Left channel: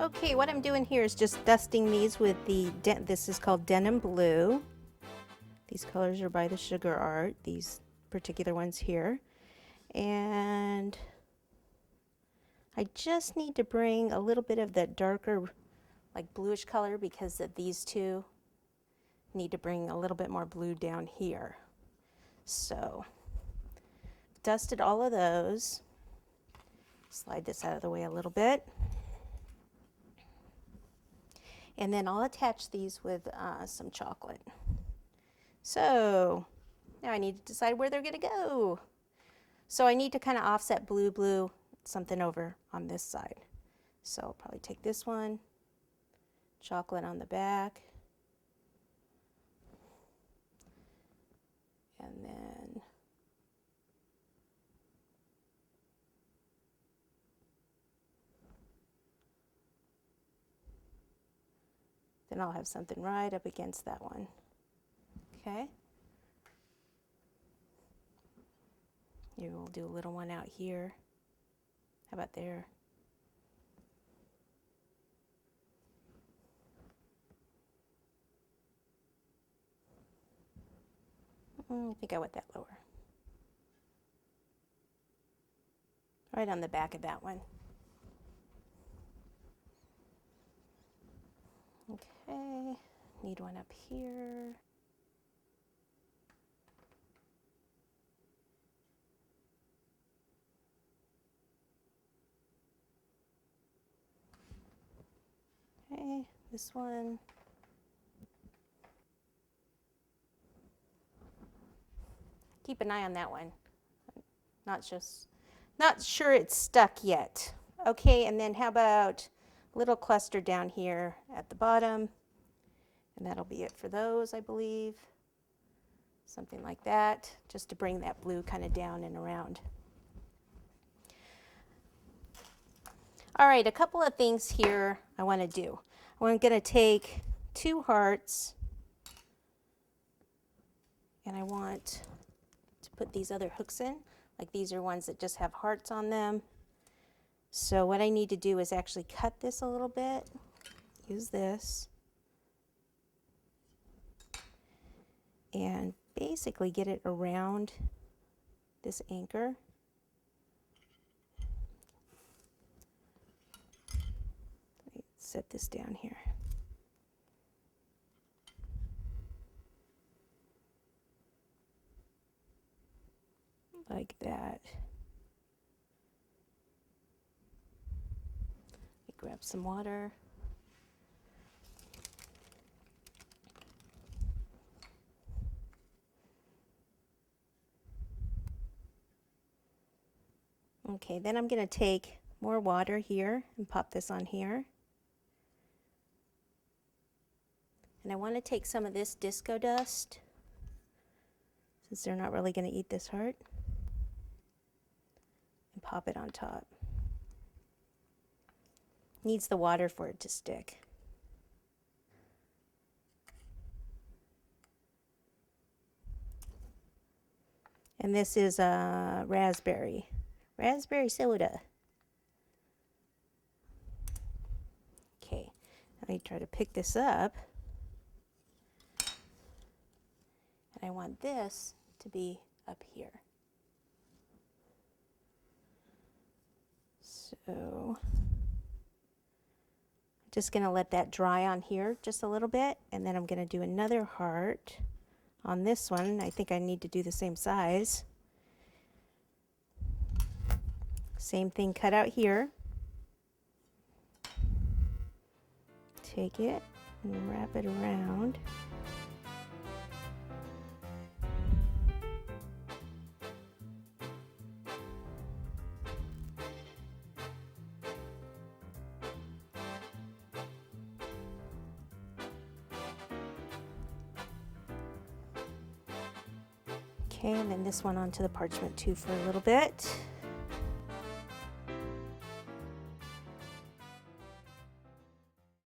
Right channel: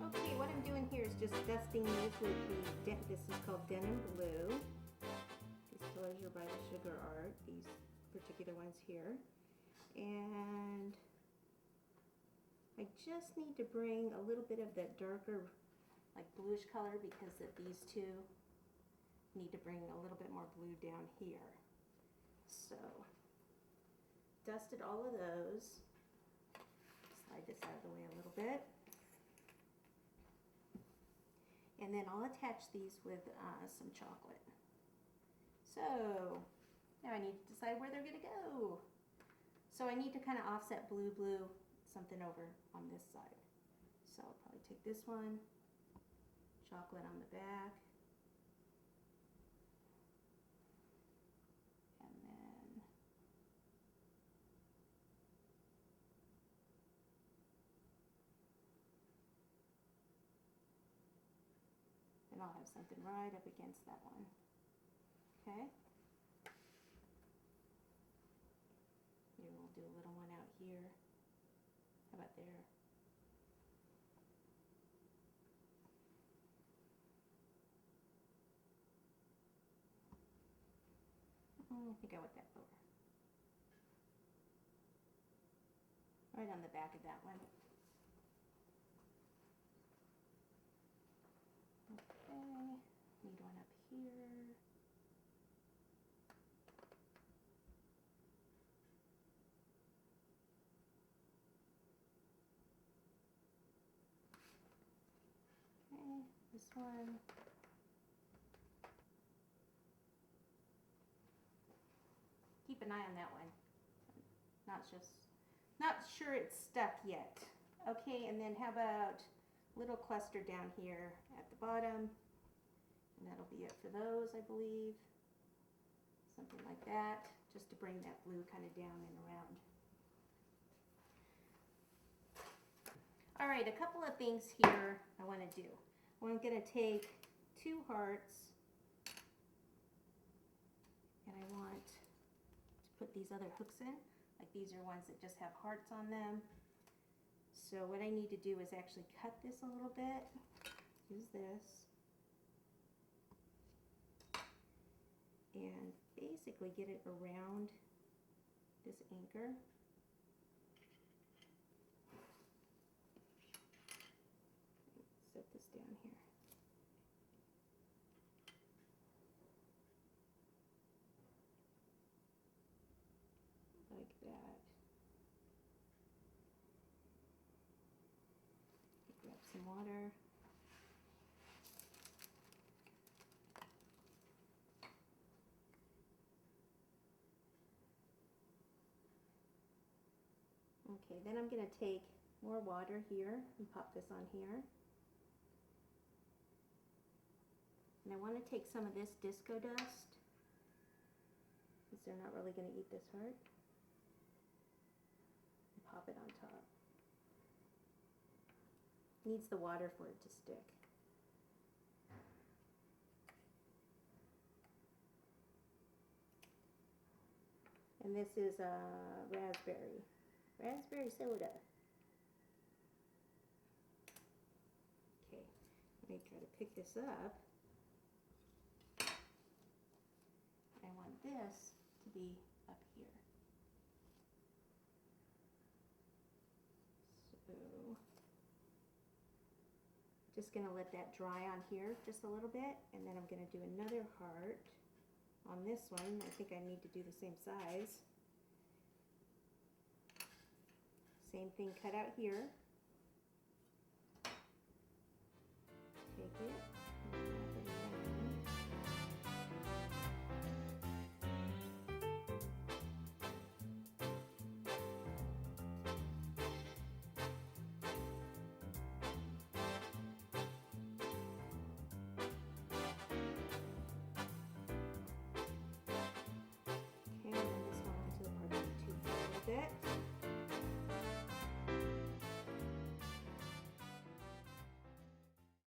Okay, what I'm doing here is just dusting these with this is called Denim Blue. These colors are by the Sugar Art, these particular ones here. And I just need to bring a little bit of that darker, like bluish color, because of these two need to bring a little bit more blue down here. So, dusted all of those. Slide this out of the way a little bit. And then I'll attach these with some chocolate. So now I need to decide where they're going to go. So I need to kind of offset blue, something over on this side. So I'll probably take this one, chocolate on the back, and then I'll have something right up against that one. Okay. Maybe we'll do a little one out here. How about there? I think I want that lower. Right on the back of that one. Okay, need one up here. Okay, this one. Keep an eye on that one. Not sure it's stuck yet. Okay, and then how about a little cluster down here at the bottom? And that'll be it for those, I believe. Something like that, just to bring that blue kind of down and around. All right, a couple of things here I want to do. I'm going to take 2 hearts, and I want to put these other hooks in. Like these are ones that just have hearts on them. So what I need to do is actually cut this a little bit. Use this. And basically get it around this anchor. Set this down here. Like that. Grab some water. Okay, then I'm going to take more water here and pop this on here. And I want to take some of this disco dust, since they're not really going to eat this heart, and pop it on top. Needs the water for it to stick. And this is raspberry soda. Okay, let me try to pick this up. And I want this to be up here. So just going to let that dry on here just a little bit, and then I'm going to do another heart on this one. I think I need to do the same size. Same thing, cut out here. Take it and wrap it around. Okay, and then this one onto the parchment too for a little bit.